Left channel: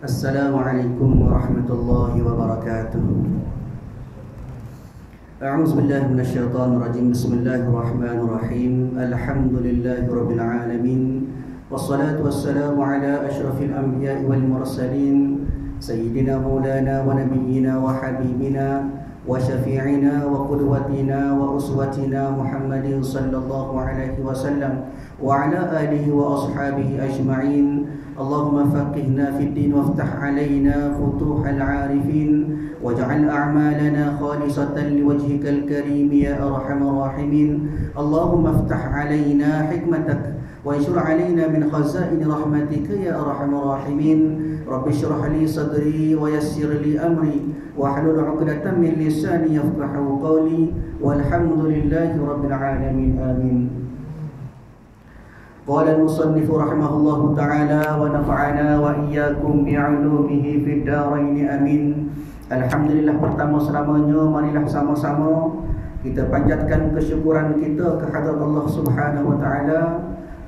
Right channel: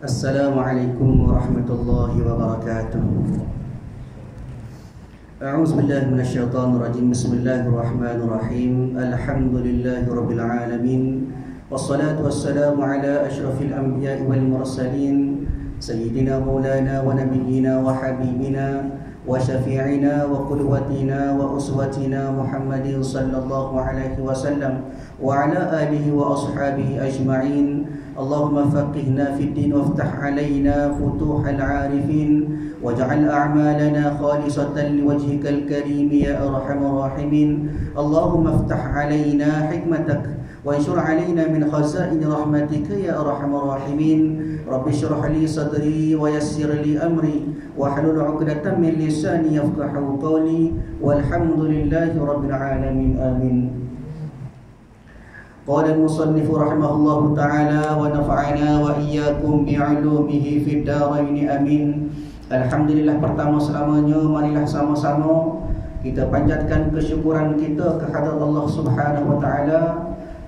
Assalamualaikum warahmatullahi wabarakatuh. A'udzu billahi minasyaitonir rajim. Bismillahirrahmanirrahim. Alhamdulillahi rabbil alamin. Wassalatu wassalamu ala asyrafil anbiya'i wal mursalin sayyidina maulana wa nabiyyina wa habibina wa syafi'ina wa qudwatina wa uswatina Muhammadin sallallahu alaihi wasallam wa ala alihi wa ashabihi ajma'in. Allahumma faqihna fid din waftah alaina futuhal arifin waj'al a'malana khalisatan liwajhikal karim ya arhamar rahimin. Allahumma iftah alaina hikmatak wa anshur alaina min khazain rahmatika ya arhamar rahimin. Rabbi shrah li sadri wa yassir li amri wa hlul 'uqdatam min lisani yafqahu qawli walhamdulillahi rabbil alamin. Amin. Qala al-musannif rahimahullahu ta'ala wa nafa'ana wa iyyakum bi'ulumihi fid dharain amin. Alhamdulillah, pertama selamanya marilah sama-sama kita panjatkan kesyukuran kita kehadrat Allah Subhanahu wa taala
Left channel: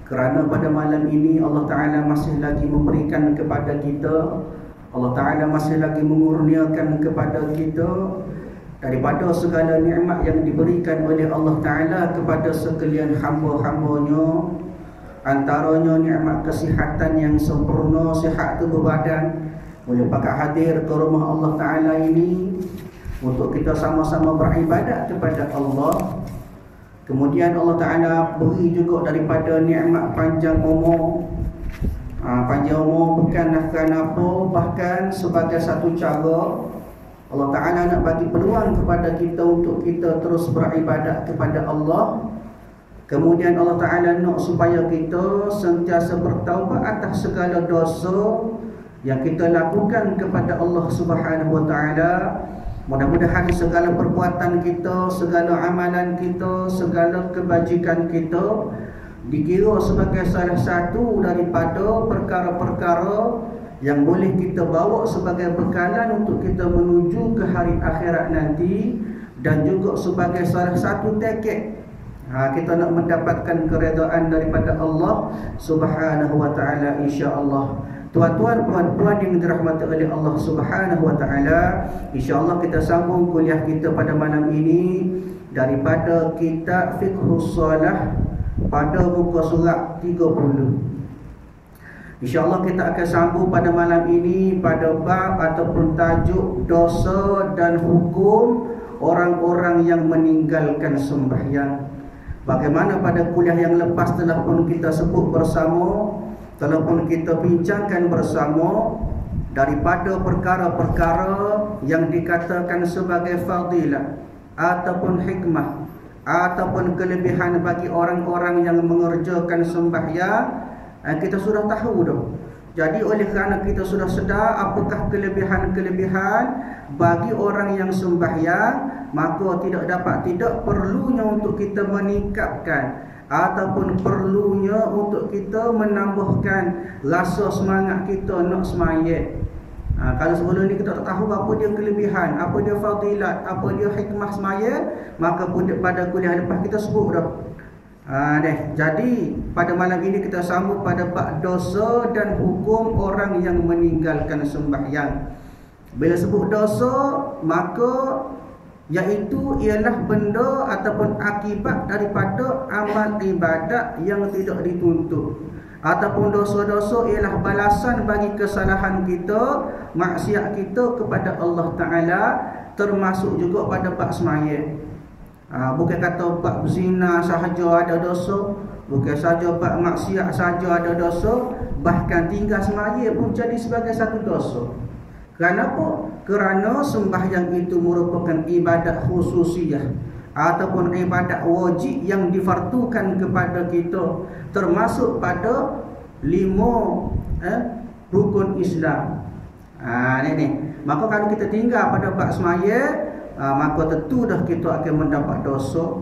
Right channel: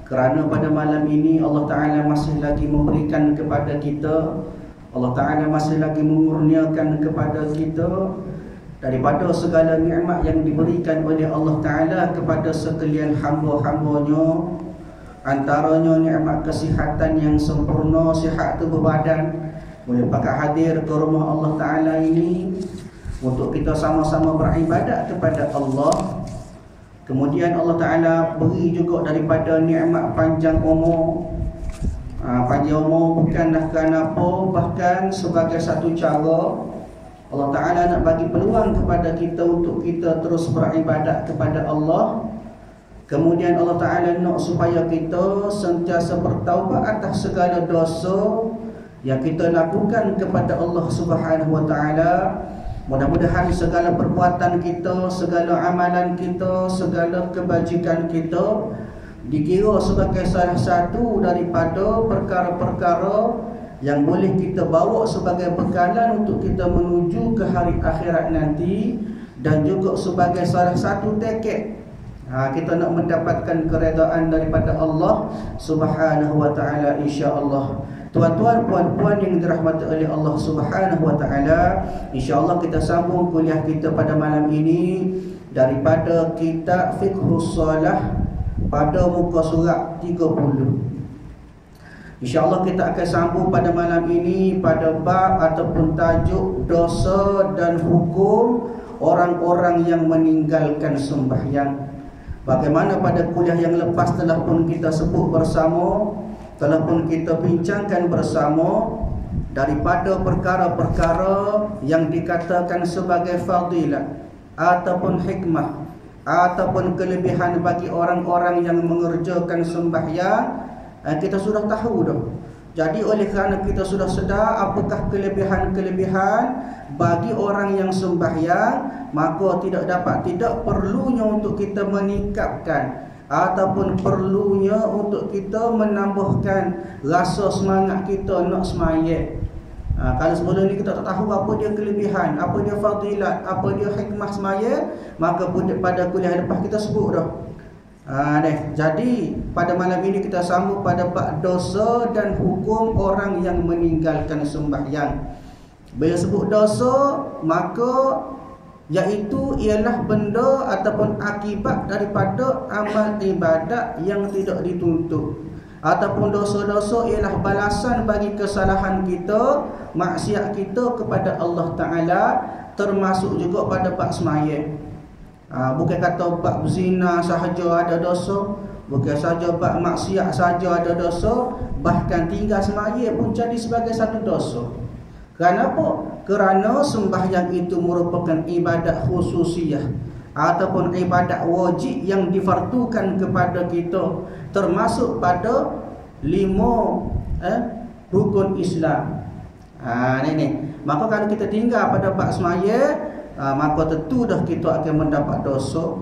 kerana pada malam ini Allah taala masih lagi memberikan kepada kita, Allah taala masih lagi mengurniakan kepada kita daripada segala nikmat yang diberikan oleh Allah taala kepada sekalian hamba-hambanya. Antaranya nikmat kesihatan yang sempurna, sihat tubuh badan, boleh pakai hadir ke rumah Allah Ta'ala ini untuk kita sama-sama beribadat kepada Allah. Kemudian Allah Ta'ala beri juga daripada nikmat panjang umur. Panjang umur bukanlah kerana apa, bahkan sebagai satu cara Allah Ta'ala nak bagi peluang kepada kita untuk kita terus beribadat kepada Allah. Kemudian Allah Ta'ala nak supaya kita sentiasa bertaubat atas segala dosa yang kita lakukan kepada Allah Subhanahu wa Ta'ala. Mudah-mudahan segala perbuatan kita, segala amalan kita, segala kebajikan kita dikira sebagai salah satu daripada perkara-perkara yang boleh kita bawa sebagai bekalan untuk kita menuju ke hari akhirat nanti, dan juga sebagai salah satu tekad kita nak mendapatkan keredaan daripada Allah Subhanahu wa Ta'ala, insya-Allah. Tuan-tuan, puan-puan yang dirahmati oleh Allah Subhanahu wa Ta'ala, insya-Allah kita sambung kuliah kita pada malam ini daripada kitab Fiqhus Shalah pada muka surat 30. InsyaAllah kita akan sambung pada malam ini pada bab ataupun tajuk dosa dan hukum orang-orang yang meninggalkan sembahyang. Bagaimana pada kuliah yang lepas telah pun kita sebut bersama, telah pun kita bincangkan bersama daripada perkara-perkara yang dikatakan sebagai fadilah ataupun hikmah ataupun kelebihan bagi orang-orang yang mengerjakan sembahyang, kita sudah tahu dah. Jadi oleh kerana kita sudah sedar apakah kelebihan-kelebihan bagi orang yang sembahyang, maka tidak perlunya untuk kita meningkatkan ataupun perlunya untuk kita menambahkan rasa semangat kita nak sembahyang. Kalau sebelum ni kita tak tahu apa dia kelebihan, apa dia fadilat, apa dia hikmah sembahyang, maka pada kuliah lepas kita sebut dah. Jadi pada malam ini kita sambung pada bab dosa dan hukum orang yang meninggalkan sembahyang. Bila sebut dosa, maka iaitu ialah benda ataupun akibat daripada amal ibadat yang tidak dituntut, ataupun dosa-dosa ialah balasan bagi kesalahan kita, maksiat kita kepada Allah Ta'ala, termasuk juga pada bab sembahyang. Bukan kata bab zina sahaja ada dosa, bukan saja bab maksiat saja ada dosa, bahkan tinggal sembahyang pun jadi sebagai satu dosa. Kenapa? Kerana sembahyang itu merupakan ibadat khususiyah ataupun ibadat wajib yang difardukan kepada kita, termasuk pada 5 rukun Islam. Ini. Maka kalau kita tinggal pada bab sembahyang, maka tentu dah kita akan mendapat dosa.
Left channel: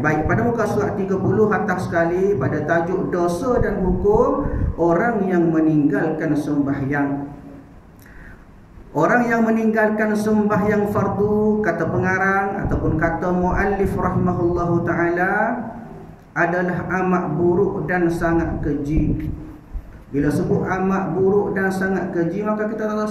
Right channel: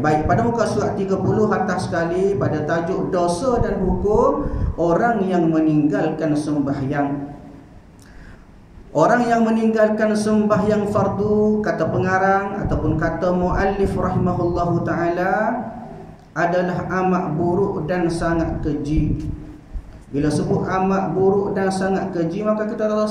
Baik, pada muka surat 30 atas sekali pada tajuk dosa dan hukum orang yang meninggalkan sembahyang. Orang yang meninggalkan sembahyang fardu, kata pengarang ataupun kata muallif rahimahullahu ta'ala, adalah amat buruk dan sangat keji. Bila sebut amat buruk dan sangat keji, maka kita tak lah.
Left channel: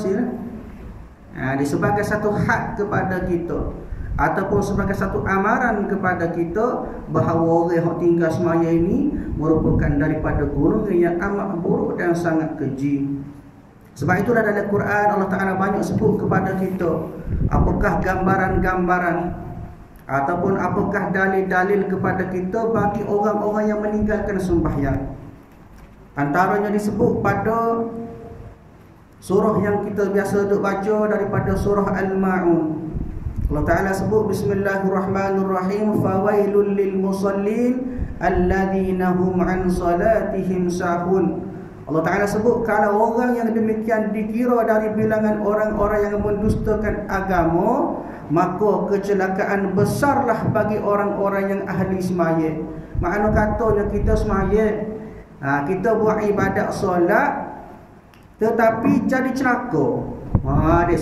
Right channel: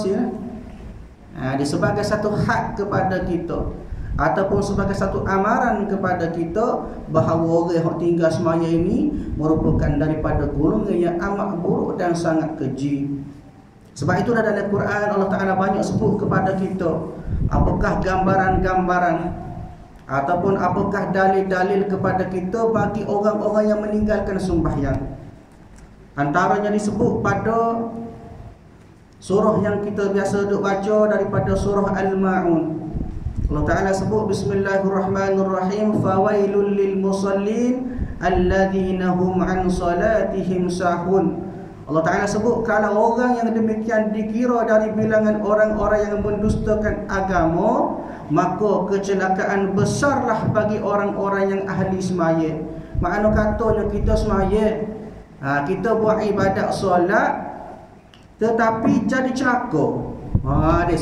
Dia sebagai satu had kepada kita, ataupun sebagai satu amaran kepada kita bahawa orang yang tinggal semaya ini merupakan daripada golongan yang amat buruk dan sangat keji. Sebab itulah dalam Quran Allah Ta'ala banyak sebut kepada kita apakah gambaran-gambaran ataupun apakah dalil-dalil kepada kita bagi orang-orang yang meninggalkan sembahyang. Antaranya disebut pada surah yang kita biasa duk baca daripada surah Al-Ma'un. Allah Ta'ala sebut Bismillahirrahmanirrahim, fawailul lil musallin alladhina hum an salatihim sahun. Allah Ta'ala sebut kalau orang yang demikian dikira dari bilangan orang-orang yang mendustakan agama, maka kecelakaan besarlah bagi orang-orang yang ahli semaya. Makna katanya kita semaya, kita buat ibadat solat tetapi jadi celaka. Dia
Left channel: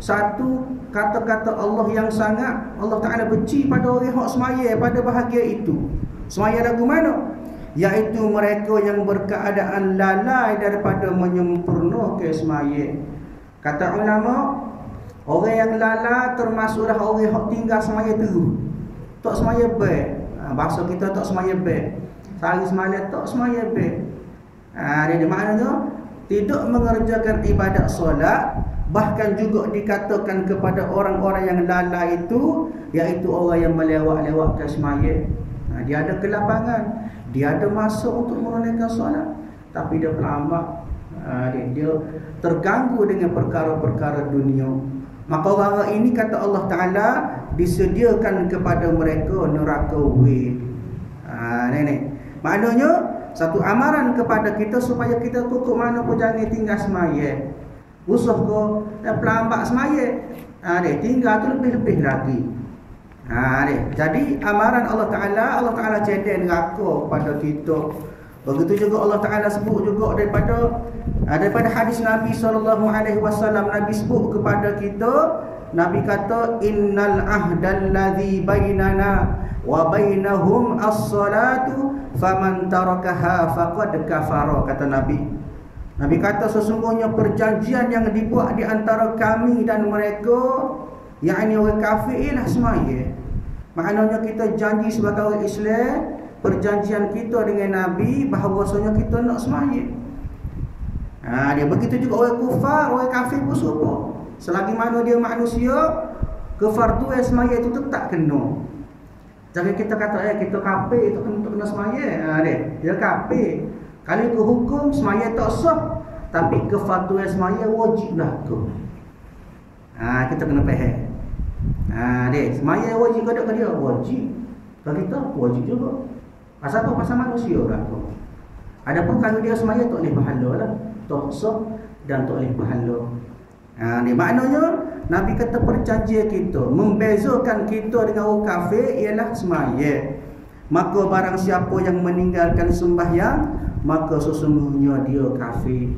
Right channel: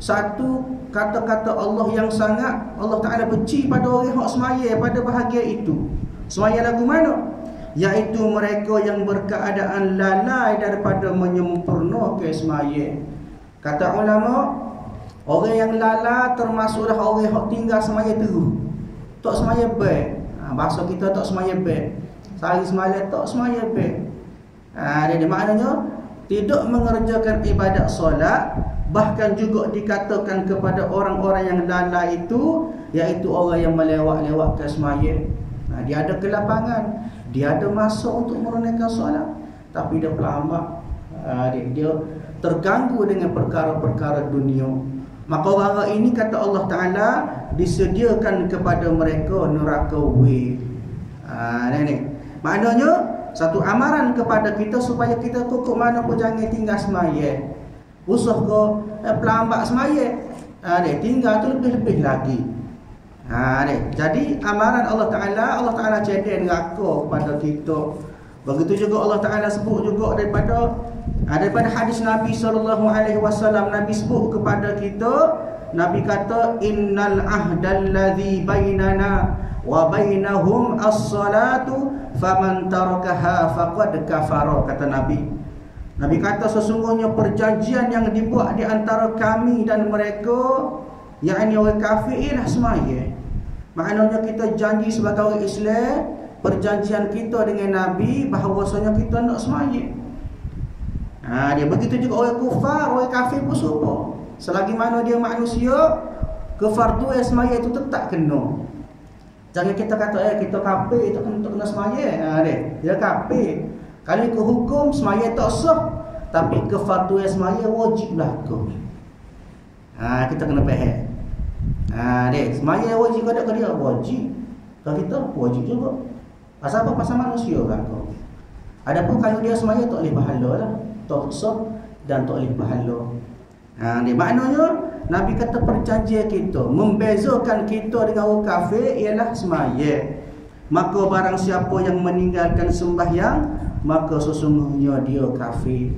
satu kata-kata Allah yang sangat Allah Ta'ala benci pada orang yang semaya pada bahagia itu. Semaya lagu mana? Iaitu mereka yang berkeadaan lalai daripada menyempurnakan semaya. Kata ulama, orang yang lalai termasuklah orang yang tinggal semaya terus. Tak semaya baik. Bahasa kita tak semaya baik. Sehari semalam tak semaya baik. Dia maknanya tidak mengerjakan ibadat solat. Bahkan juga dikatakan kepada orang-orang yang lalai itu, iaitu orang yang melewat-lewatkan semaya. Dia ada kelapangan, dia ada masa untuk menunaikan solat, tapi dia pelambak. Dia terganggu dengan perkara-perkara dunia. Maka orang ini kata Allah Ta'ala disediakan kepada mereka neraka weh. Maknanya satu amaran kepada kita supaya kita kukuk mana pun jangan tinggal semaya. Usuh ke pelambak semaya, dia tinggal tu lebih-lebih lagi. Jadi amaran Allah Ta'ala cedek neraka kepada kita. Begitu juga Allah Ta'ala sebut juga daripada hadis Nabi SAW. Nabi sebut kepada kita, Nabi kata innal ahdal ladzi bainana wa bainahum as-salatu faman tarakaha faqad kafara. Kata Nabi kata sesungguhnya perjanjian yang dibuat di antara kami dan mereka, yakni orang kafir, ialah semaya. Maknanya kita janji sebagai orang Islam, perjanjian kita dengan Nabi bahawasanya kita nak semaya. Dia begitu juga orang kufar, orang kafir pun serupa. Selagi mana dia manusia, kefarduan semaya itu tetap kena. Jangan kita kata kita kafir, itu kena semaya. Dia kafir. Kalau ikut hukum semaya tak sah, tapi kefarduan semaya wajiblah tu. Kita kena faham. Semaya wajib ke dia? Wajib. Kalau kita wajib juga. Pasal apa? Pasal manusia kan tu. Adapun kalau dia semaya tak boleh pahala lah, tak sah dan tak boleh pahala. Maknanya Nabi kata perjanjian kita, membezakan kita dengan orang kafir ialah semaya. Maka barang siapa yang meninggalkan sembahyang, maka sesungguhnya dia kafir.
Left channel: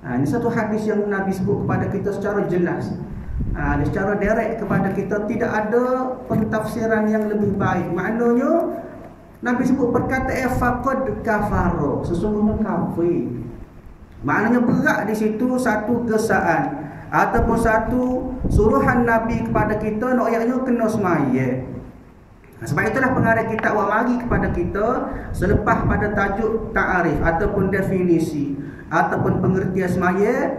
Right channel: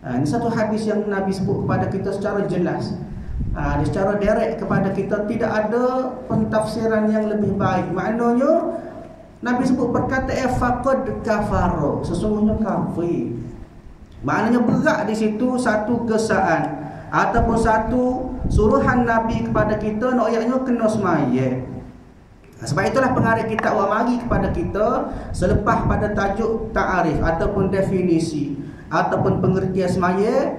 Ini satu hadis yang Nabi sebut kepada kita secara jelas, secara direct kepada kita. Tidak ada pentafsiran yang lebih baik. Maknanya Nabi sebut perkataan faqad kafara, sesungguhnya kafir. Maknanya berat di situ satu kesaan ataupun satu suruhan Nabi kepada kita, nak ayatnya kena semaya. Sebab itulah pengarang kitab awak mari kepada kita selepas pada tajuk ta'arif ataupun definisi ataupun pengertian semaya,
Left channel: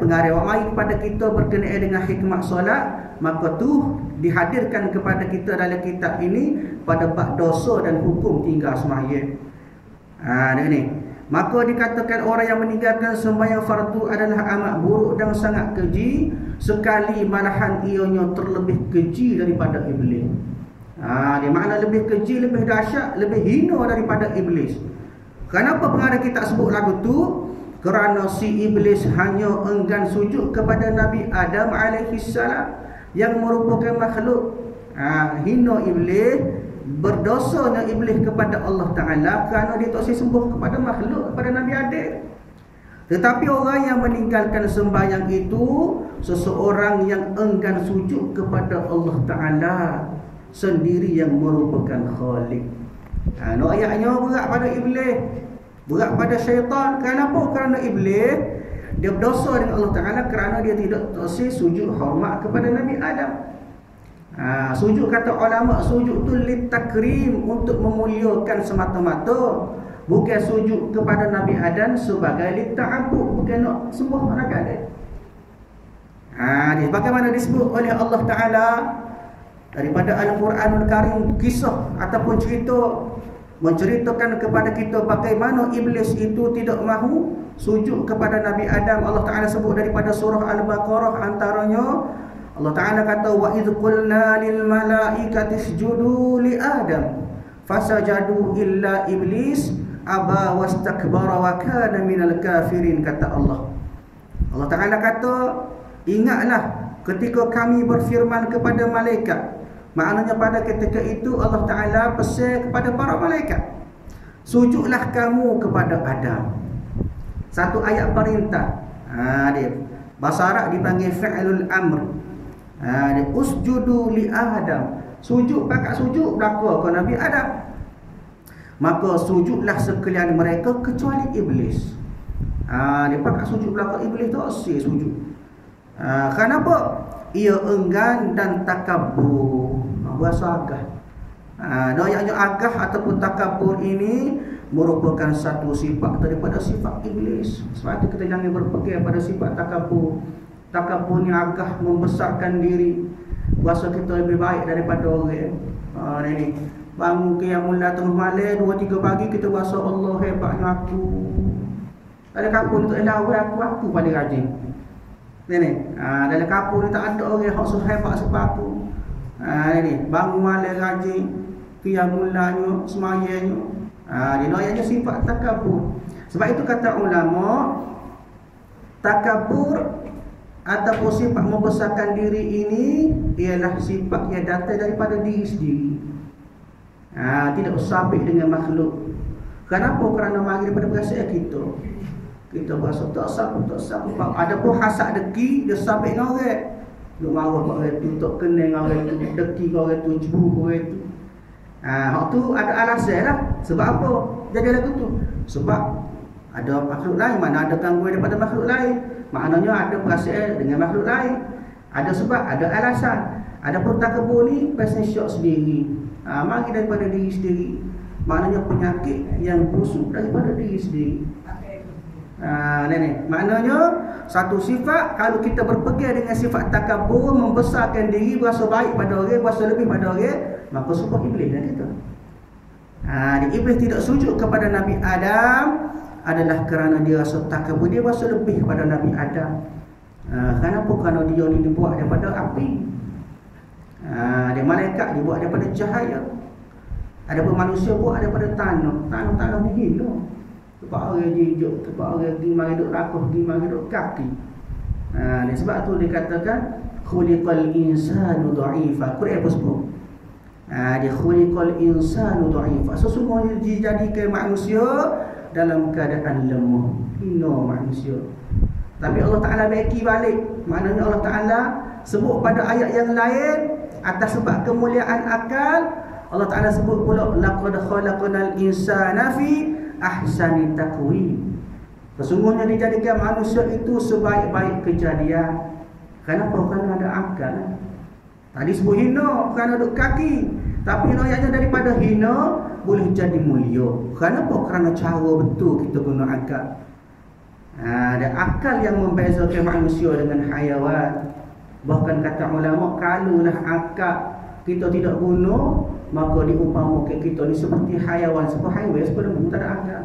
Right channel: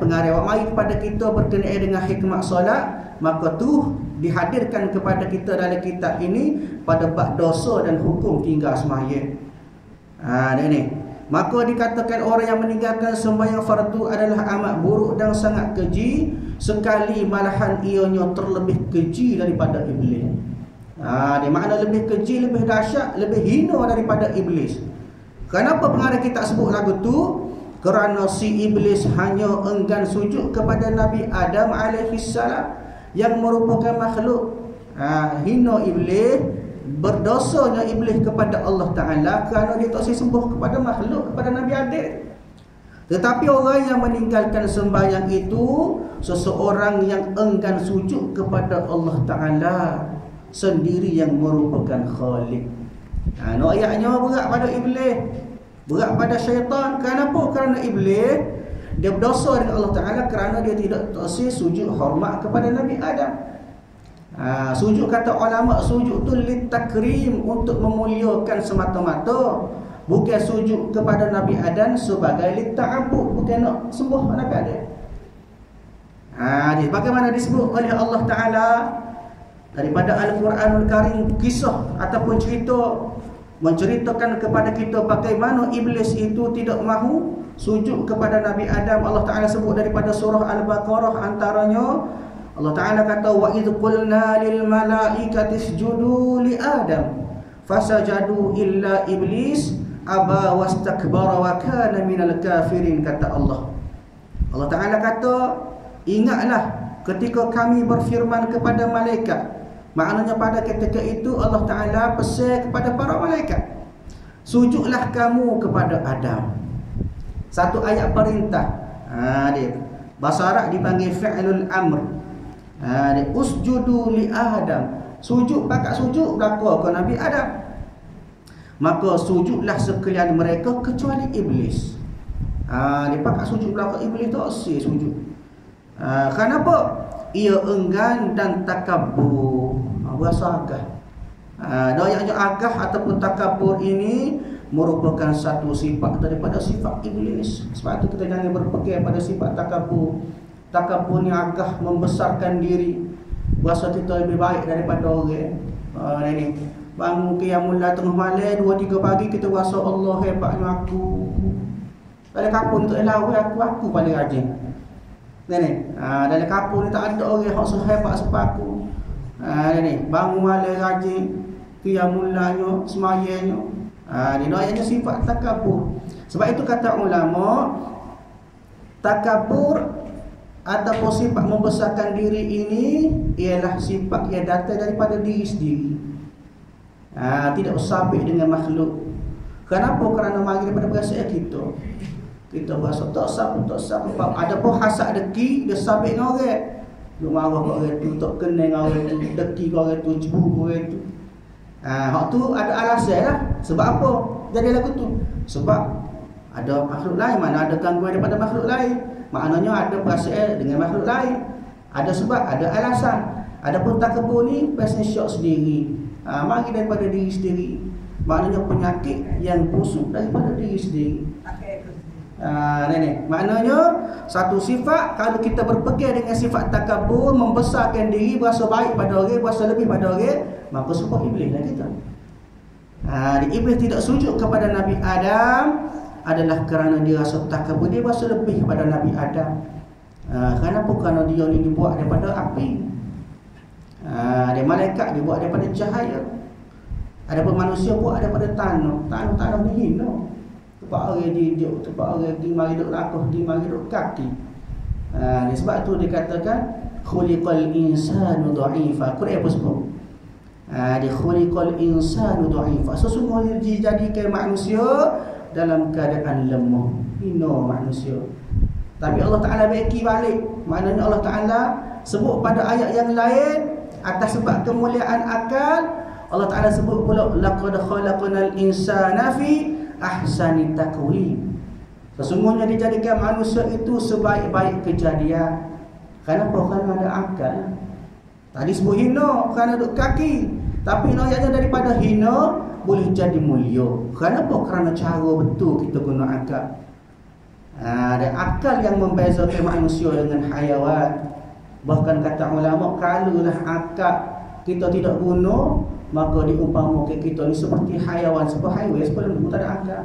pengarang awak mari kepada kita berkenaan dengan hikmat solat, maka tu dihadirkan kepada kita dalam kitab ini pada bab dosa dan hukum tinggal semaya. Maka dikatakan orang yang meninggalkan sembahyang fardu adalah amat buruk dan sangat keji, sekali malahan ianya terlebih keji daripada iblis. Dia makna lebih keji, lebih dahsyat, lebih hina daripada iblis. Kenapa pengarang kita sebut lagu tu? Kerana si iblis hanya enggan sujud kepada Nabi Adam alaihissalam yang merupakan makhluk. Hina iblis, berdosanya iblis kepada Allah Ta'ala kerana dia tak sembuh kepada makhluk, kepada Nabi Adam. Tetapi orang yang meninggalkan sembahyang itu seseorang yang enggan sujud kepada Allah Ta'ala sendiri yang merupakan Khalik. Ayatnya berat pada iblis. Berat pada syaitan. Kenapa? Kerana iblis dia berdosa dengan Allah Ta'ala kerana dia tidak tersi sujud hormat kepada Nabi Adam. Sujud, kata ulama, sujud tu litakrim, untuk memuliakan semata-mata. Bukan sujud kepada Nabi Adam sebagai lita'abud, bukan nak sembah Nabi Adam. Bagaimana disebut oleh Allah Ta'ala daripada Al-Quranul Karim, kisah ataupun cerita menceritakan kepada kita bagaimana iblis itu tidak mahu sujud kepada Nabi Adam. Allah Ta'ala sebut daripada surah Al-Baqarah, antaranya Allah Ta'ala kata, wa idh qulna lil malaikati isjudu li Adam fasajadu illa iblis aba wastakbara wa kana minal kafirin, kata Allah. Allah Ta'ala kata, ingatlah ketika kami berfirman kepada malaikat. Maknanya pada ketika itu Allah Ta'ala pesan kepada para malaikat, sujudlah kamu kepada Adam. Satu ayat perintah. Dia bahasa Arab dipanggil fi'lul amr. Dia usjudu li Adam. Sujud, pakat sujud belaka ke Nabi Adam. Maka sujudlah sekalian mereka kecuali iblis. Dia pakat sujud belaka iblis, tak sih sujud. Kenapa? Ia enggan dan takabur. Bahasa agah. Doanya agah ataupun takabur ini merupakan satu sifat daripada sifat iblis. Sebab itu kita jangan berpegang pada sifat takabur. Takabur ni agah, membesarkan diri. Bahasa kita lebih baik daripada orang. Ini bangun qiyamul lail tengah malam 2-3 pagi kita rasa Allah hebatnya aku. Dalam kampung tu aku paling rajin. Dalam kampung ni tak ada orang yang sehebat sepaku. Bangun malam rajin, qiyamul lailnya, semayangnya. Dia sifat takabur. Sebab itu kata ulama, takabur ataupun sifat membesarkan diri ini ialah sifat yang datang daripada diri sendiri. Tidak sabit dengan makhluk. Kenapa? Kerana mari daripada perasaan kita. Kita berasa tak sabit. Ada pun hasad deki, dia sabit dengan orang. Dia marah kat orang tu, tak kenal dengan orang tu, deki kat orang tu, cemburu orang tu. Hak tu ada alasan lah. Sebab apa jadi lagu tu? Sebab ada makhluk lain. Mana ada gangguan daripada makhluk lain, maknanya ada perasaan dengan makhluk lain. Ada sebab, ada alasan. Adapun takabur ni pasal syok sendiri. Mari daripada diri sendiri. Maknanya penyakit yang busuk daripada diri sendiri. Maknanya satu sifat, kalau kita berpegang dengan sifat takabur, membesarkan diri, berasa baik pada orang, berasa lebih pada orang, maka sebab iblis dah kita. Iblis tidak sujud kepada Nabi Adam adalah kerana dia rasa takabur, dia berasa lebih kepada Nabi Adam. Kenapa? Kerana dia ni dibuat daripada api. Dia malaikat dibuat daripada cahaya. Adapun manusia buat daripada tanah. Tanah ni hina. Tempat orang jijak, tempat orang di mari duk lakuh, di mari duk kaki. Sebab tu dikatakan khuliqal insanu dha'ifa. Quran apa sebut? Dia khuliqal insanu dha'ifa. Sesungguhnya dijadikan manusia dalam keadaan lemah, hina manusia. Tapi Allah Ta'ala beki balik. Maknanya Allah Ta'ala sebut pada ayat yang lain, atas sebab kemuliaan akal, Allah Ta'ala sebut pula laqad khalaqnal insana fi ahsani taqwim. Sesungguhnya dijadikan manusia itu sebaik-baik kejadian. Kenapa? Kerana ada akal. Tadi sebut hina kerana duduk kaki, tapi ayatnya daripada hina boleh jadi mulia. Kenapa? Kerana cara betul kita guna akal. Ada akal yang membezakan manusia dengan haiwan. Bahkan kata ulama, kalaulah akal kita tidak guna, maka diumpamakan kita ni seperti haiwan. Sebab haiwan sebab lembu, tak ada akal.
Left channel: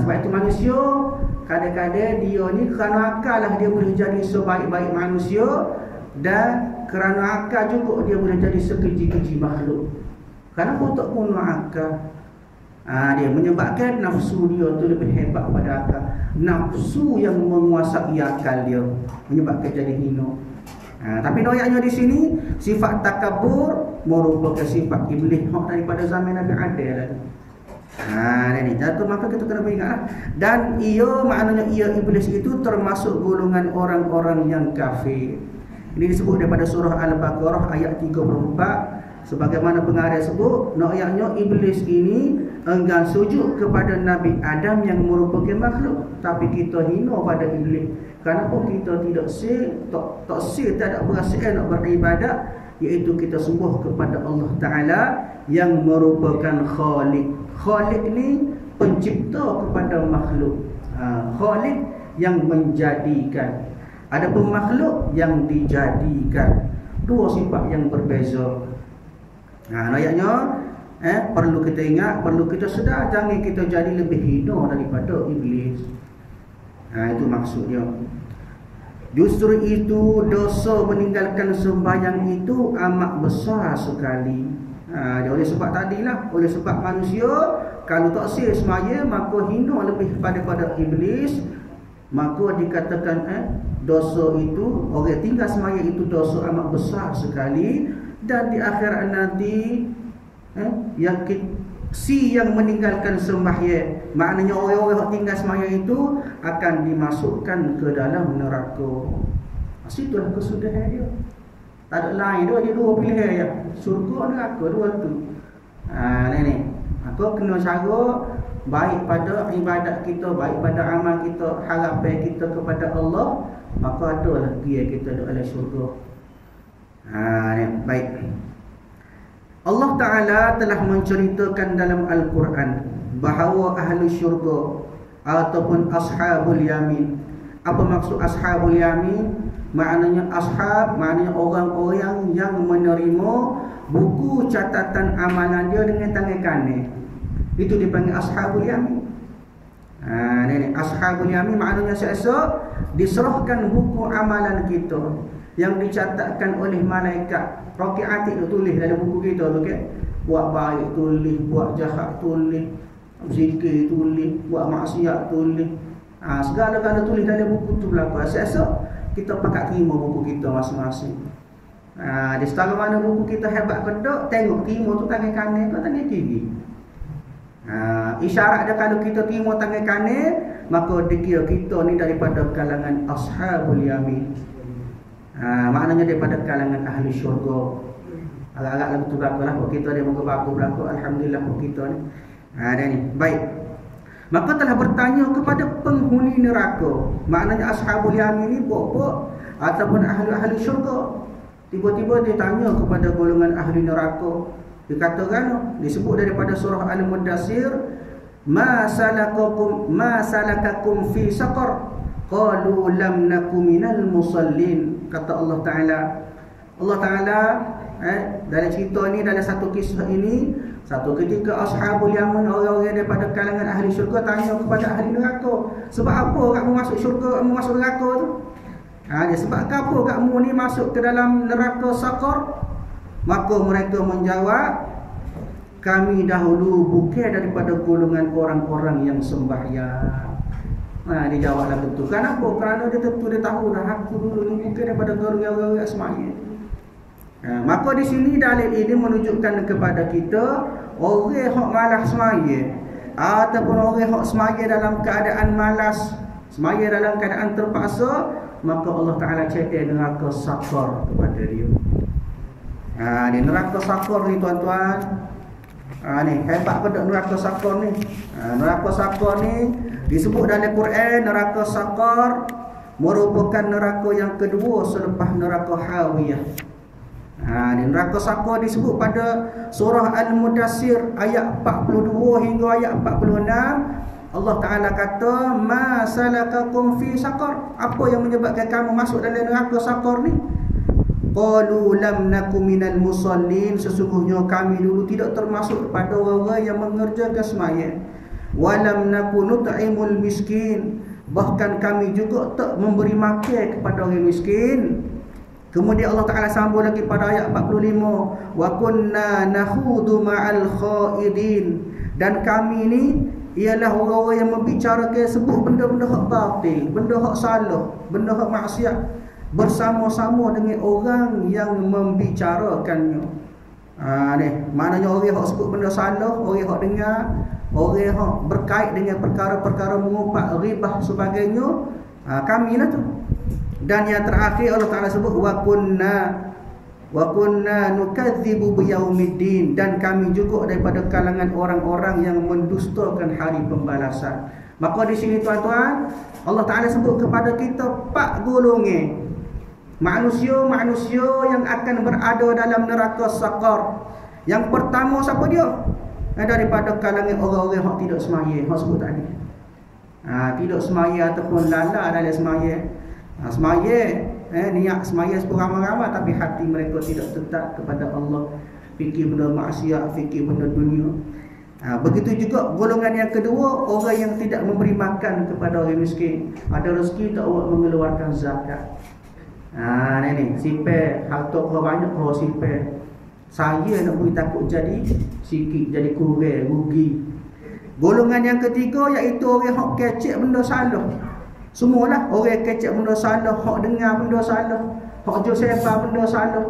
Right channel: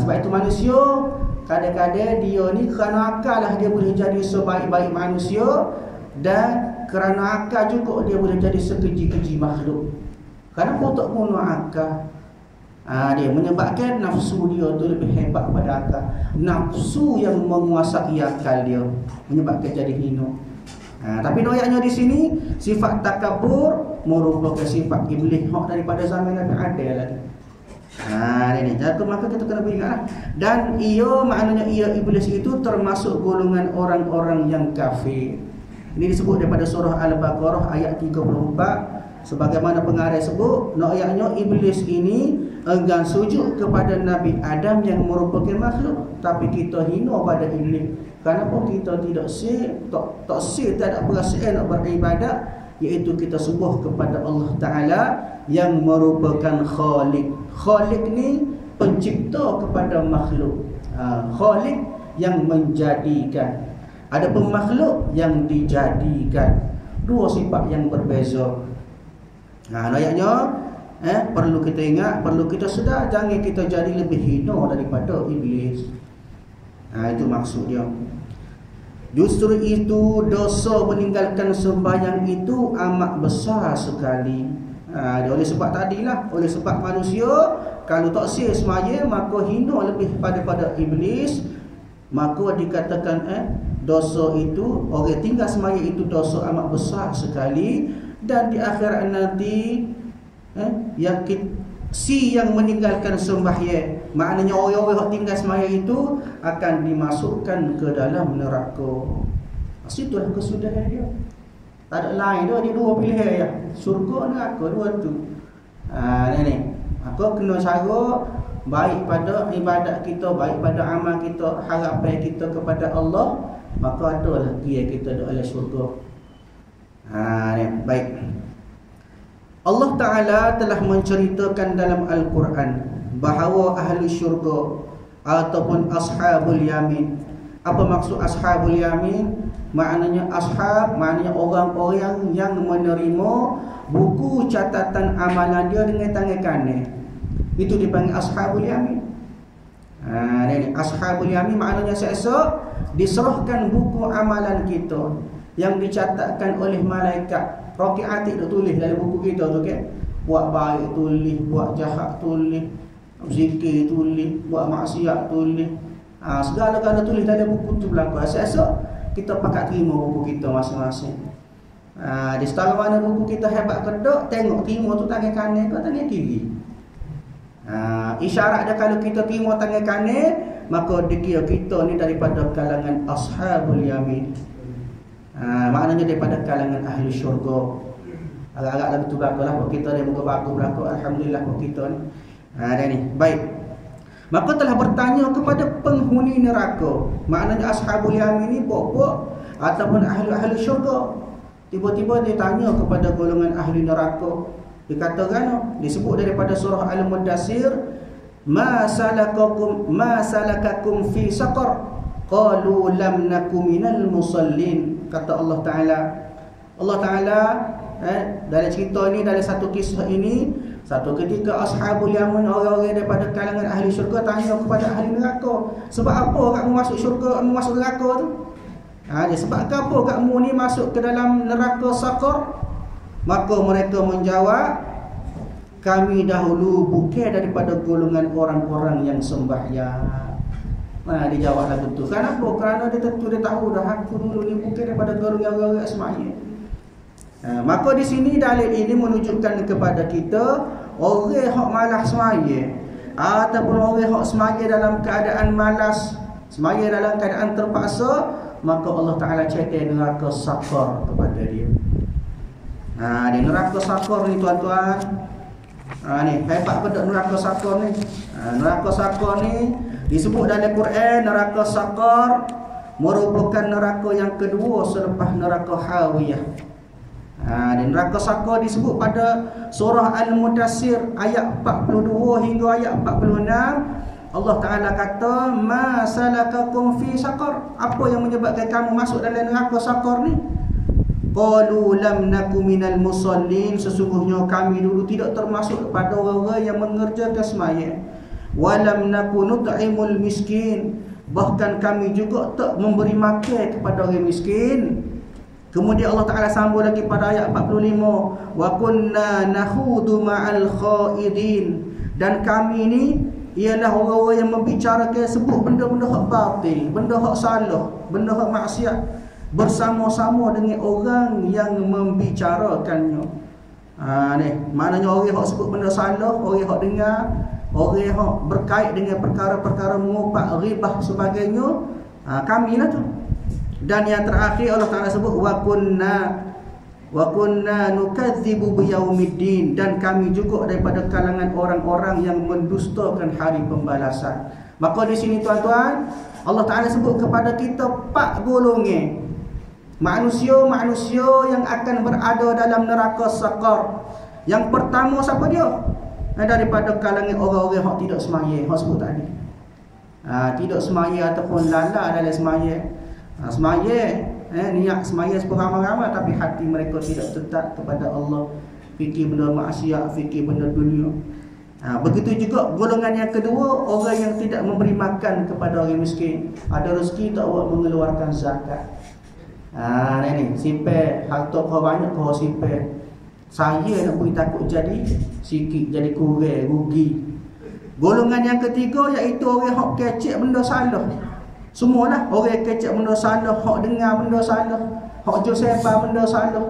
Sebab itu manusia kadang-kadang dia ni kerana akal lah dia boleh jadi sebaik-baik manusia, dan kerana akal juga dia boleh jadi sekeji-keji makhluk. Kenapa tak guna akal? Dia menyebabkan nafsu dia tu lebih hebat pada akal. Nafsu yang menguasai akal dia menyebabkan jadi hina. Tapi ayatnya di sini sifat takabur merupakan sifat iblis hak daripada zaman Nabi Adam lagi. Ini jadi maka kita kena beringatlah. Dan ia maknanya ia iblis itu termasuk golongan orang-orang yang kafir. Ini disebut daripada surah Al-Baqarah ayat 34. Sebagaimana pengarang sebut, ayatnya iblis ini enggan sujud kepada Nabi Adam yang merupakan makhluk, tapi kita hina pada iblis. Kenapa kita tidak tak ada perasaan nak beribadat, iaitu kita subuh kepada Allah Taala yang merupakan Khalik. Khalik ni pencipta kepada makhluk. Khalik yang menjadikan. Adapun makhluk yang dijadikan. Dua sifat yang berbeza. Ayatnya perlu kita ingat, perlu kita sedar, jangan kita jadi lebih hina daripada iblis. Itu maksudnya. Justru itu dosa meninggalkan sembahyang itu amat besar sekali. Oleh sebab tadilah, oleh sebab manusia kalau tak sia sembahyang maka hina lebih daripada iblis. Maka dikatakan dosa itu, orang tinggal sembahyang itu dosa amat besar sekali. Dan di akhirat nanti yang meninggalkan sembahyang, maknanya orang-orang yang tinggal sembahyang itu akan dimasukkan ke dalam neraka. Situlah kesudahan dia. Tak ada lain dia, dua pilihan ya. Surga neraka, dua tu. Ni. Aku kena cara baik pada ibadat kita, baik pada amal kita, harapan kita kepada Allah, maka adalah dia kita dalam surga. Baik. Allah Ta'ala telah menceritakan dalam Al-Quran bahawa ahli syurga ataupun ashabul yamin. Apa maksud ashabul yamin? Maknanya ashab, maknanya orang-orang yang menerima buku catatan amalan dia dengan tangan kanan. Itu dipanggil ashabul yamin. Ini ashabul yamin maknanya seesok diserahkan buku amalan kita yang dicatatkan oleh malaikat. Roki atik tu tulis dalam buku kita tu, okay? Buat baik tulis, buat jahat tulis, zikir tulis, buat maksiat tulis. Segala-gala tulis dalam buku tu berlaku. Esok kita pakat terima buku kita masing-masing. Di setara mana buku kita hebat ke tak, tengok terima tu tangan kanan ke tangan kiri. Isyarat dia kalau kita terima tangan kanan, maka dikira kita ni daripada kalangan ashabul yamin. Maknanya daripada kalangan ahli syurga. Agak-agak lagu tu berlaku lah. Kita dia muka baku berlaku. Alhamdulillah kita ni. Dah ni. Baik. Maka telah bertanya kepada penghuni neraka. Maknanya ashabul yamin ni pokok ataupun ahli syurga. Tiba-tiba dia tanya kepada golongan ahli neraka. Dikatakan, disebut daripada surah Al-Mudassir, ma salakakum fi saqar? Qalu lam naku minal musallin. Kata Allah Ta'ala dalam cerita ni, dalam satu kisah ini, satu ketika ashabul yamin, orang-orang daripada kalangan ahli syurga tanya kepada ahli neraka, sebab apa kamu masuk syurga, masuk neraka tu? Sebab apa kamu ni masuk ke dalam neraka saqar? Maka mereka menjawab, kami dahulu bukan daripada golongan orang-orang yang sembahyang. Dia jawab lagu tu. Kenapa? Kerana dia tentu dia tahu dah, aku dulu ni bukan daripada golongan orang-orang sembahyang. Maka di sini dalil ini menunjukkan kepada kita, orang hok malas sembahyang ataupun orang hok sembahyang dalam keadaan malas, sembahyang dalam keadaan terpaksa, maka Allah Ta'ala cetak neraka saqar kepada dia. Di neraka saqar ni tuan-tuan, ni hebat pada neraka saqar ni. Neraka saqar ni disebut dalam Quran, neraka saqar merupakan neraka yang kedua selepas neraka hawiyah. Di neraka saqar disebut pada surah Al-Mudassir ayat 42 hingga ayat 46. Allah Ta'ala kata, ma salakakum fi saqar? Apa yang menyebabkan kamu masuk dalam neraka saqar ni? Qalu lam naku minal musallin. Sesungguhnya kami dulu tidak termasuk pada orang-orang yang mengerjakan sembahyang. Walam naku nut'imul miskin. Bahkan kami juga tak memberi makan kepada orang miskin. Kemudian Allah Ta'ala sambung lagi pada ayat 45, wa kunna nahudu ma'al khaidin. Dan kami ni ialah orang-orang yang membicarakan, sebut benda-benda hak batil, benda hak salah, benda hak maksiat, bersama-sama dengan orang yang membicarakannya. Ni maknanya orang hak sebut benda salah, orang hak dengar, orang hak berkait dengan perkara-perkara mengupak, ribah sebagainya, kamilah tu. Dan yang terakhir Allah Ta'ala sebut wa kunna Wa kunna nukadzibu biyaumiddin, dan kami juga daripada kalangan orang-orang yang mendustakan hari pembalasan. Maka di sini tuan-tuan, Allah Taala sebut kepada kita 4 golongan manusia yang akan berada dalam neraka sakar. Yang pertama siapa dia? Daripada kalangan orang-orang yang tidak semaya, hak sebut tadi. Tidak semaya ataupun lala dalam semaya. Semaya, niat semaya seramai-ramai, tapi hati mereka tidak tetap kepada Allah. Fikir benda maksiat, fikir benda dunia. Begitu juga golongan yang kedua, orang yang tidak memberi makan kepada orang miskin. Ada rezeki tak buat mengeluarkan zakat. Ni sipir, harta kau banyak kau sipir. Saya nak beri takut jadi sikit, jadi kurang, rugi. Golongan yang ketiga iaitu orang hak kecek benda salah. Semualah orang kecek benda salah, hak dengar benda salah, hak jual sebar benda salah.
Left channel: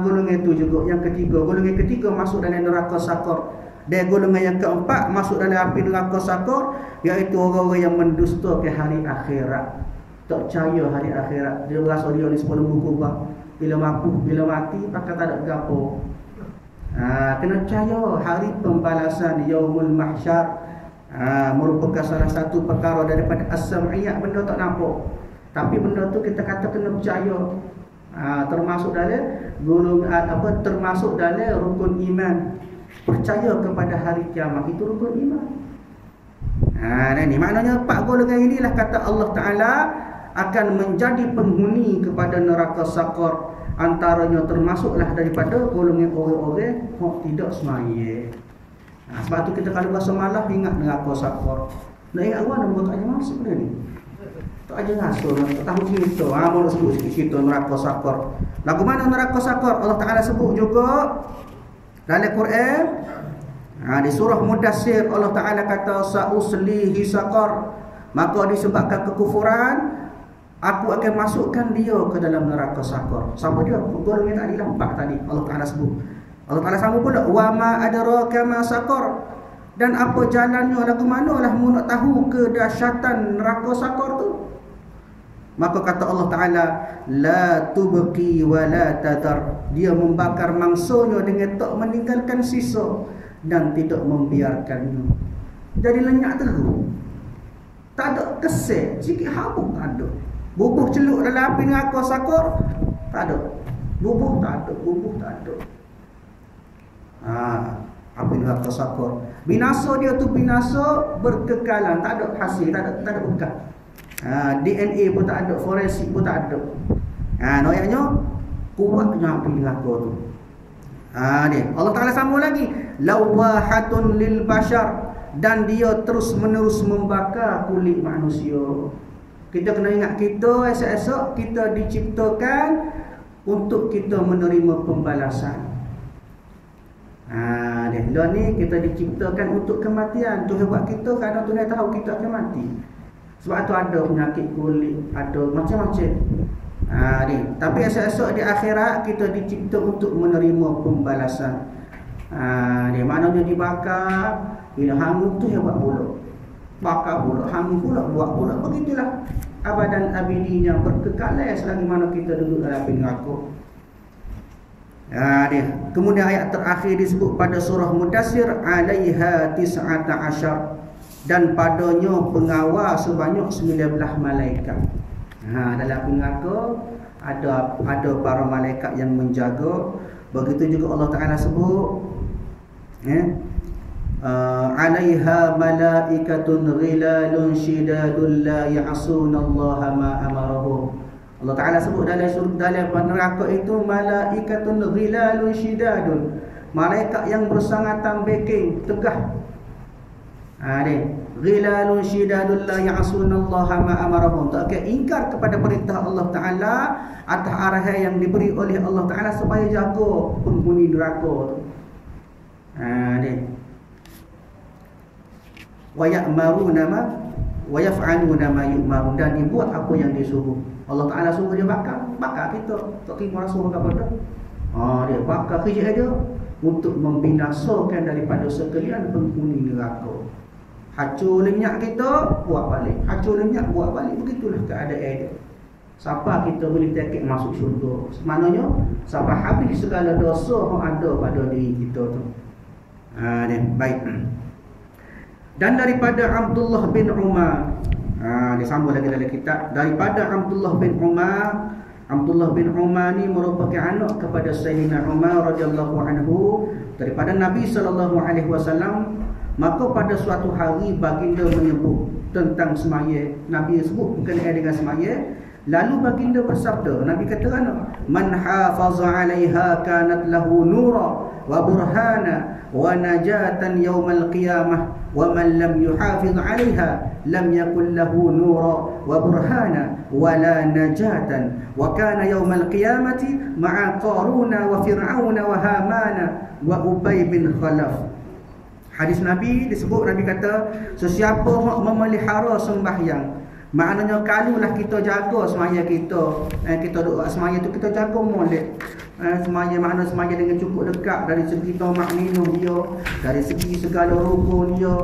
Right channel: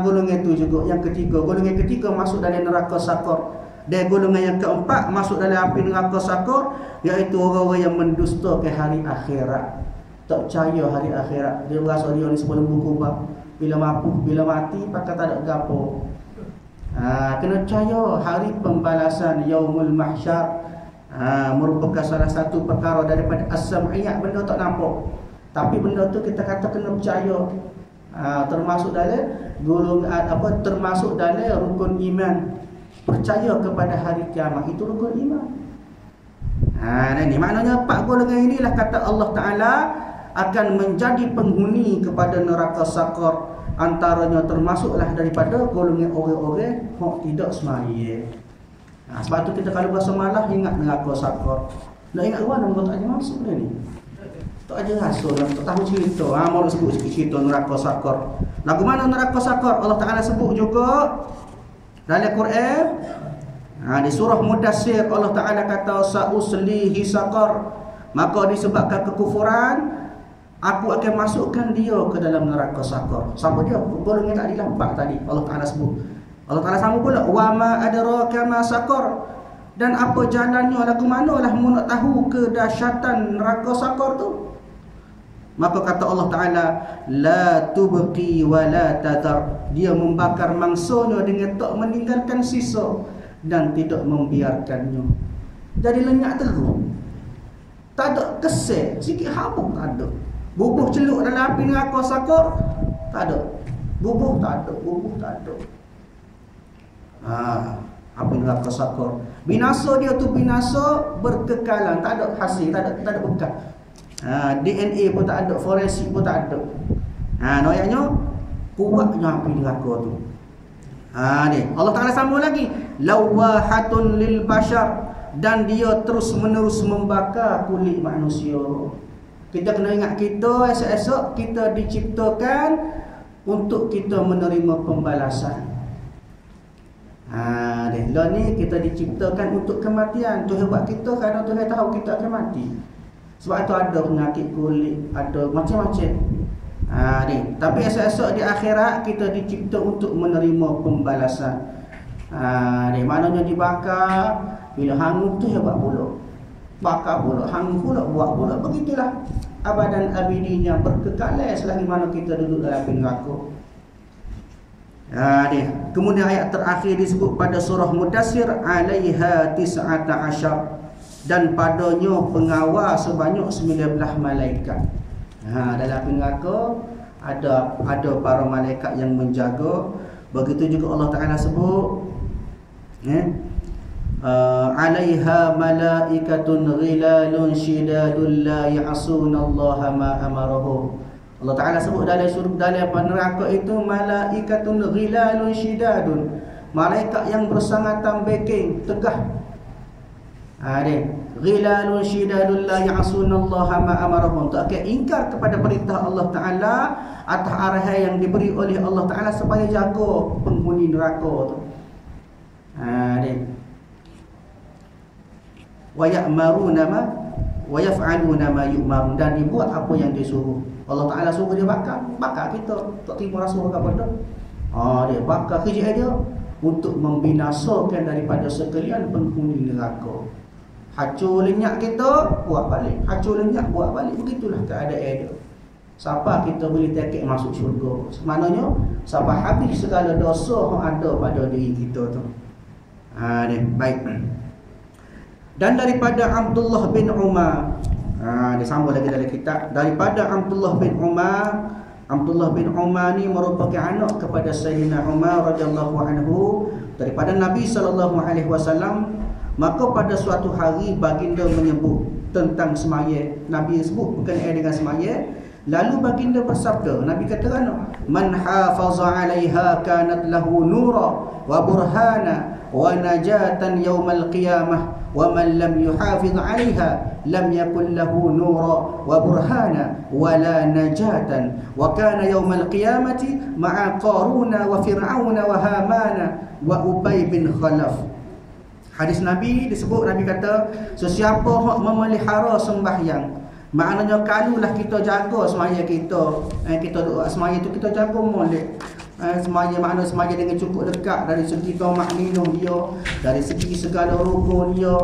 Golongan itu juga yang ketiga. Golongan ketiga masuk dalam neraka sakar. Dan golongan yang keempat masuk dalam api neraka sakar, iaitu orang-orang yang mendustakan hari akhirat. Tak percaya hari akhirat. Dia rasa dia ni sebelum berubah. Bila mati pakai tak ada gapo. Kena percaya hari pembalasan yaumul mahsyar merupakan salah satu perkara daripada as-sam'iyah, benda tak nampak. Tapi benda tu kita kata kena percaya. Termasuk dalam golongan termasuk dalam rukun iman. Percaya kepada hari kiamat itu rukun iman. Ni maknanya 4 golongan inilah kata Allah Taala akan menjadi penghuni kepada neraka sakar. Antaranya termasuklah daripada golongan orang-orang yang tidak semaya. Sebab tu kita kalau berasa malah ingat neraka sakar. Nak ingat orang nak tak aja masuk dia ni. Tak aja masuk, tak tahu cerita. Mau nak sebut sikit cerita neraka sakar. Lagu mana neraka sakar? Allah Taala sebut juga dalam Quran. Di surah Mudassir Allah Taala kata sa'uslihi sakar. Maka disebabkan kekufuran, aku akan masukkan dia ke dalam neraka sakar. Siapa dia? Golongan tadi lah 4 tadi Allah Taala sebut. Allah Taala sambung pula wa ma adraka ma sakar, dan apa jalannya, lagu manalah mu nak tahu kedahsyatan neraka sakar tu. Maka kata Allah Taala la tubqi wa la tadar, dia membakar mangsanya dengan tak meninggalkan sisa dan tidak membiarkannya. Jadi lenyap terus. Tak ada kesel, sikit habuk tak ada. Bubuh celup dalam api neraka sakar tak ada. Bubuh tak ada, bubuh tak ada. Api neraka sakar. Binasa dia tu binasa berkekalan, tak ada hasil, tak ada bekas. DNA pun tak ada, forensik pun tak ada. Noyaknya kuatnya api neraka tu. Ni Allah Taala sambung lagi, lawahatun lil bashar, dan dia terus menerus membakar kulit manusia. Kita kena ingat kita esok-esok kita diciptakan untuk kita menerima pembalasan. Dah ni kita diciptakan untuk kematian. Tuhan buat kita kerana Tuhan tahu kita akan mati. Sebab tu ada penyakit kulit, ada macam-macam. Tapi esok-esok di akhirat kita dicipta untuk menerima pembalasan. Maknanya dibakar, bila hangus tu hebat pula. Bakar pula, hangus pula, buat pula. Begitulah abadan abidinya, berkekalan selagi mana kita duduk dalam api neraka. Kemudian ayat terakhir disebut pada surah Mudassir, alaiha 19, dan padanya pengawal sebanyak 19 malaikat. Dalam api neraka ada para malaikat yang menjaga. Begitu juga Allah Taala sebut alaiha malaikatun ghilalun shidadun la ya'sunallaha ma amarahum. Allah Taala sebut dalam neraka itu malaikatun ghilalun shidadun, malaikat yang bersangatan backing, tegah. Ghilalun shidadun la ya'sunallaha ma amarahum, tak akan ingkar kepada perintah Allah Taala atas arahan yang diberi oleh Allah Taala supaya jaga penghuni neraka tu. Wa ya'maruna ma wa yaf'aluna ma yu'marun, dan dia buat apa yang disuruh. Allah Taala suruh dia bakar kita, tak terima rasuah kepada. Dia bakar kerja dia untuk membinasakan daripada sekalian penghuni neraka. Hancur lenyap kita, buat balik. Hancur lenyap, buat balik. Begitulah keadaan dia. Siapa kita boleh tiket masuk syurga? Maknanya siapa habis segala dosa yang ada pada diri kita tu. Baik. Dan daripada Abdullah bin Umar, dia sambung lagi dalam kitab, daripada Abdullah bin Umar ni merupakan anak kepada Sayyidina Umar radhiyallahu anhu daripada Nabi sallallahu alaihi wasallam. Maka pada suatu hari baginda menyebut tentang semaya. Nabi sebut berkenaan dengan semaya. Lalu baginda bersabda, Nabi kata kan, man hafaza 'alaiha kanat lahu nura wa burhana wa najatan yaumal qiyamah wa man lam yuhafiz 'alaiha lam yakul lahu nura wa burhana wa la najatan wa kana yaumal qiyamati ma'a qaruna wa fir'auna wa hamana wa ubay bin khalaf. Hadis Nabi disebut, Nabi kata, sesiapa memelihara sembahyang, maknanya kalulah kita jaga semaya kita, kita doa semaya tu kita jaga molek. Semaya makna semaya dengan cukup dekat dari segi tamak minum dia, dari segi segala rukun dia,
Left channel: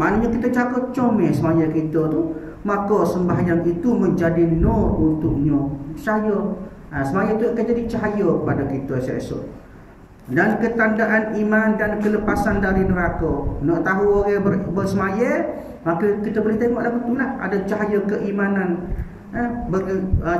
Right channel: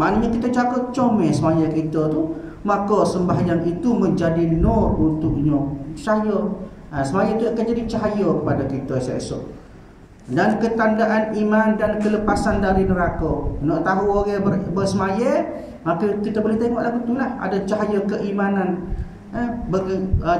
maknanya kita jaga comel semaya kita tu, maka sembahyang itu menjadi nur untuknya. Percaya, semaya itu akan jadi cahaya kepada kita esok-esok. Dan ketandaan iman dan kelepasan dari neraka. Nak tahu orang bersemaya, maka kita boleh tengok lagu tu lah. Ada cahaya keimanan,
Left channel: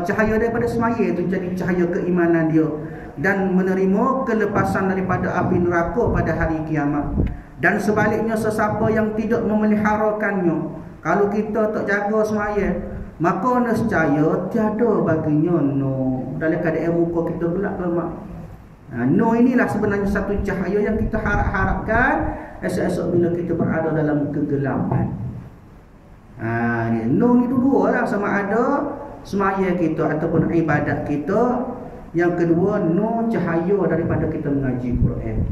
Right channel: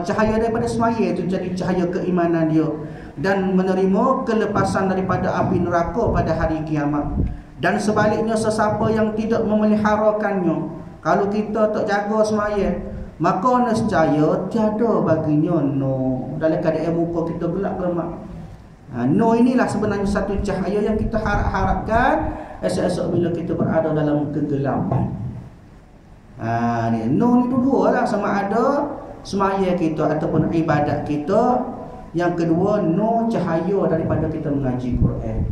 cahaya daripada semaya itu jadi cahaya keimanan dia, dan menerima kelepasan daripada api neraka pada hari kiamat. Dan sebaliknya, sesiapa yang tidak memeliharakannya, kalau kita tak jaga semaya, maka nescaya tiada baginya no. Dalam keadaan muka kita gelap lemak. No inilah sebenarnya satu cahaya yang kita harapkan esok-esok bila kita berada dalam kegelapan. No ni dua lah, sama ada semaya kita ataupun ibadat kita. Yang kedua, no cahaya daripada kita mengaji Quran.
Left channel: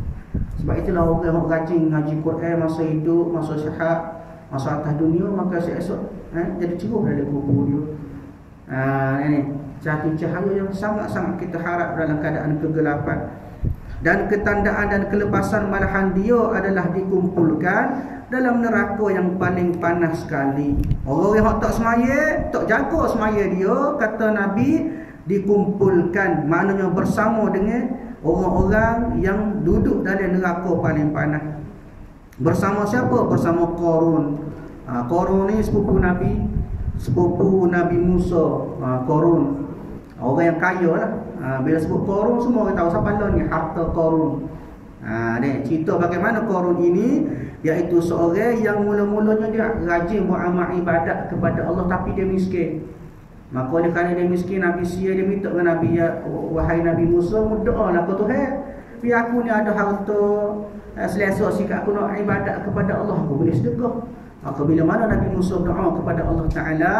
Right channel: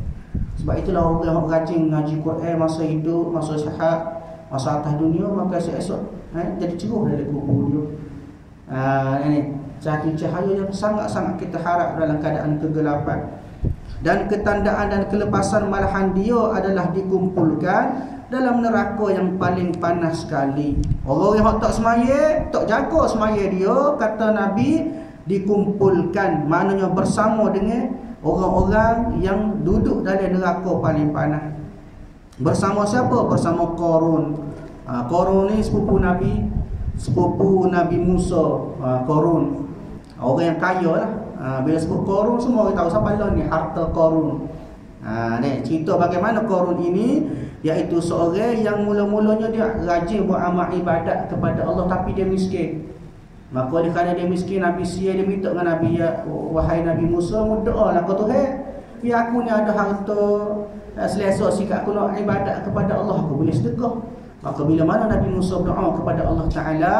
Sebab itulah orang yang rajin mengaji Quran masa hidup, masa sihat, masa atas dunia, maka esok-esok jadi ceruh dari kubur dia. Ini satu cahaya yang sangat-sangat kita harap dalam keadaan kegelapan. Dan ketandaan dan kelepasan malahan dia adalah dikumpulkan dalam neraka yang paling panas sekali. Orang yang tak semaya, tak jaga semaya dia, kata Nabi, dikumpulkan, maknanya bersama dengan orang-orang yang duduk dalam neraka paling panas. Bersama siapa? Bersama Qarun. Qarun ni sepupu Nabi Musa. Qarun orang yang kaya lah. Bila sebut Qarun, semua orang tahu siapa lah ni, harta Qarun. Cerita bagaimana Qarun ini, iaitu seorang yang mula-mulanya dia rajin buat amal ibadat kepada Allah, tapi dia miskin. Maka oleh kerana dia miskin, Nabi dia minta dengan Nabi, ya wahai Nabi Musa, doalah ke Tuhan, biar aku ni ada harta selesa sikap aku nak ibadat kepada Allah, aku boleh sedekah. Maka bila mana Nabi Musa berdoa kepada Allah Ta'ala,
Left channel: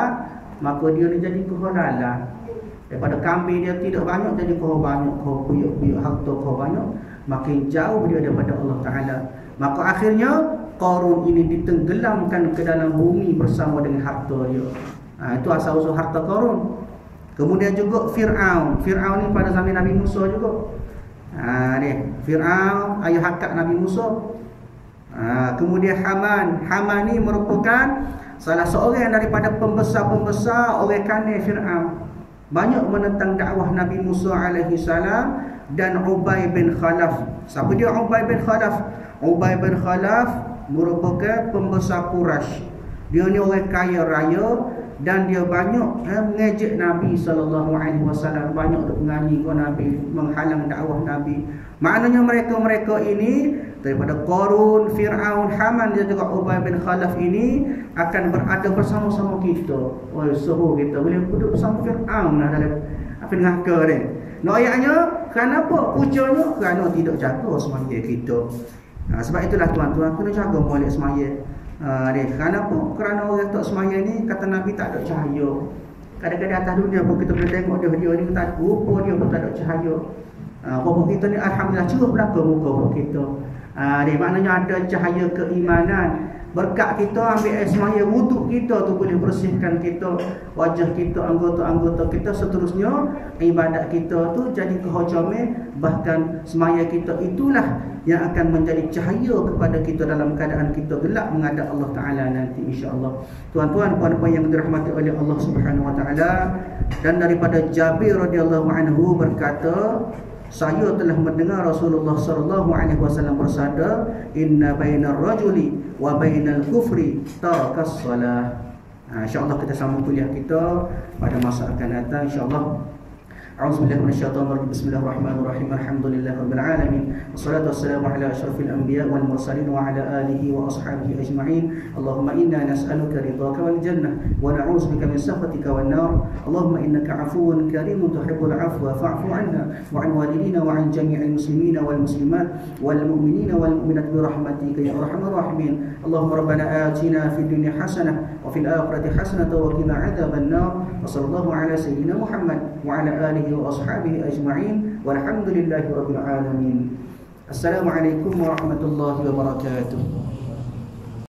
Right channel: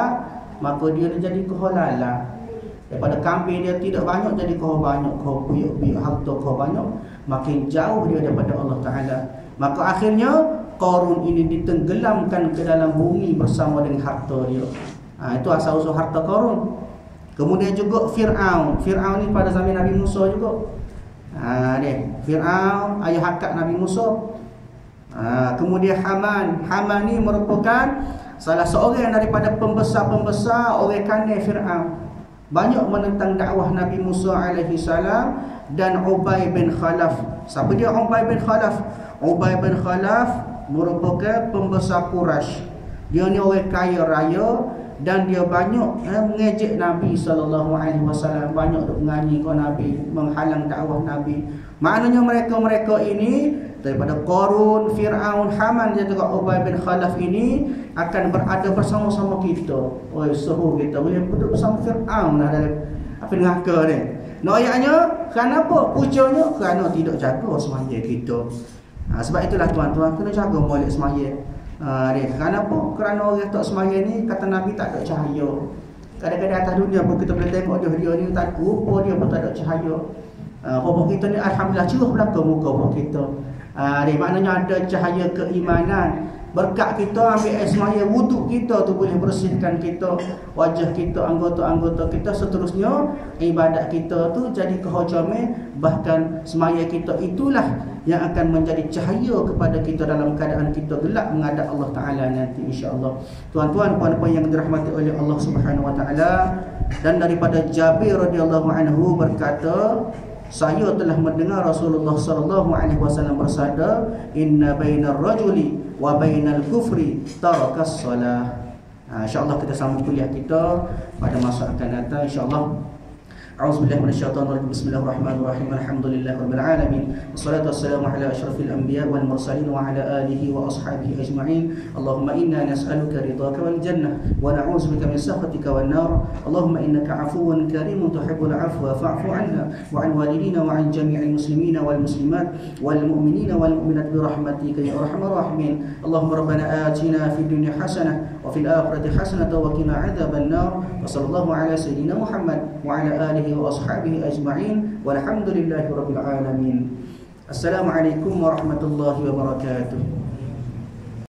maka dia jadi kehalalan. Daripada kambing dia tidak banyak, jadi kau banyak, kau puyuk-puyuk harta kau banyak, makin jauh dia daripada Allah Ta'ala. Maka akhirnya Qarun ini ditenggelamkan ke dalam bumi bersama dengan harta dia. Itu asal-usul harta Qarun. Kemudian juga Fir'aun. Fir'aun ni pada zaman Nabi Musa juga. Fir'aun ayah hakak Nabi Musa. Kemudian Haman. Haman ni merupakan salah seorang daripada pembesar-pembesar orang kanan Fir'aun. Banyak menentang dakwah Nabi Musa alaihi salam. Dan Ubay bin Khalaf. Siapa dia Ubay bin Khalaf? Ubay bin Khalaf merupakan pembesar Quraisy. Dia ni orang kaya raya, dan dia banyak mengejek Nabi SAW, banyak duk menganyi ke Nabi, menghalang dakwah Nabi. Maknanya mereka-mereka ini daripada Qarun, Fir'aun, Haman dan juga Ubay bin Khalaf ini akan berada bersama-sama kita. Suruh kita boleh duduk bersama Fir'aun dalam apa neraka ni. Ayatnya kenapa? Pucanya kerana tidak jaga semaya kita. Sebab itulah tuan-tuan kena jaga molek semaya. Kenapa? Kerana orang tak semaya ni, kata Nabi, tak ada cahaya. Kadang-kadang atas dunia pun kita boleh tengok dia ni tak, rupa dia pun tak ada cahaya. Rupa kita ni alhamdulillah cerah belaka muka pun kita. Maknanya ada cahaya keimanan, Berkat kita ambil air semaya wuduk kita tu boleh bersihkan kita, wajah kita, anggota-anggota kita, seterusnya ibadat kita tu jadi kehormatan. Bahkan semaya kita itulah yang akan menjadi cahaya kepada kita dalam keadaan kita gelap menghadap Allah Ta'ala nanti, insya-Allah. Tuan-tuan, puan-puan yang dirahmati oleh Allah Subhanahu Wa Ta'ala, dan daripada Jabir radhiyallahu anhu berkata, saya telah mendengar Rasulullah sallallahu alaihi wasallam bersabda, inna bainar rajuli wa bainal kufri tarakas salah. Insya-Allah kita sambung kuliah kita pada masa akan datang, insya-Allah. A'udzubillahi minasyaitonir rajim. Bismillahirrahmanirrahim. Alhamdulillahirabbil alamin. Wassalatu wassalamu ala asyrafil anbiya wal mursalin wa ala alihi wa ashabihi ajma'in. Allahumma inna nas'aluka ridhaka wal jannah wa na'udzubika min sakhatika wan nar. Allahumma innaka 'afuwun karimun tuhibbul 'afwa fa'fu 'anna wa 'an walidina wa 'an jami'il muslimina wal muslimat wal mu'minina wal mu'minat bi rahmatika ya arhamar rahimin. Allahumma rabbana atina fid dunya hasanah wa fil akhirati hasanah wa qina 'adzaban nar. Wa sallallahu ala sayyidina Muhammad wa ala alihi wa ashabihi ajma'in walhamdulillahi rabbil alamin. Assalamualaikum warahmatullahi wabarakatuh.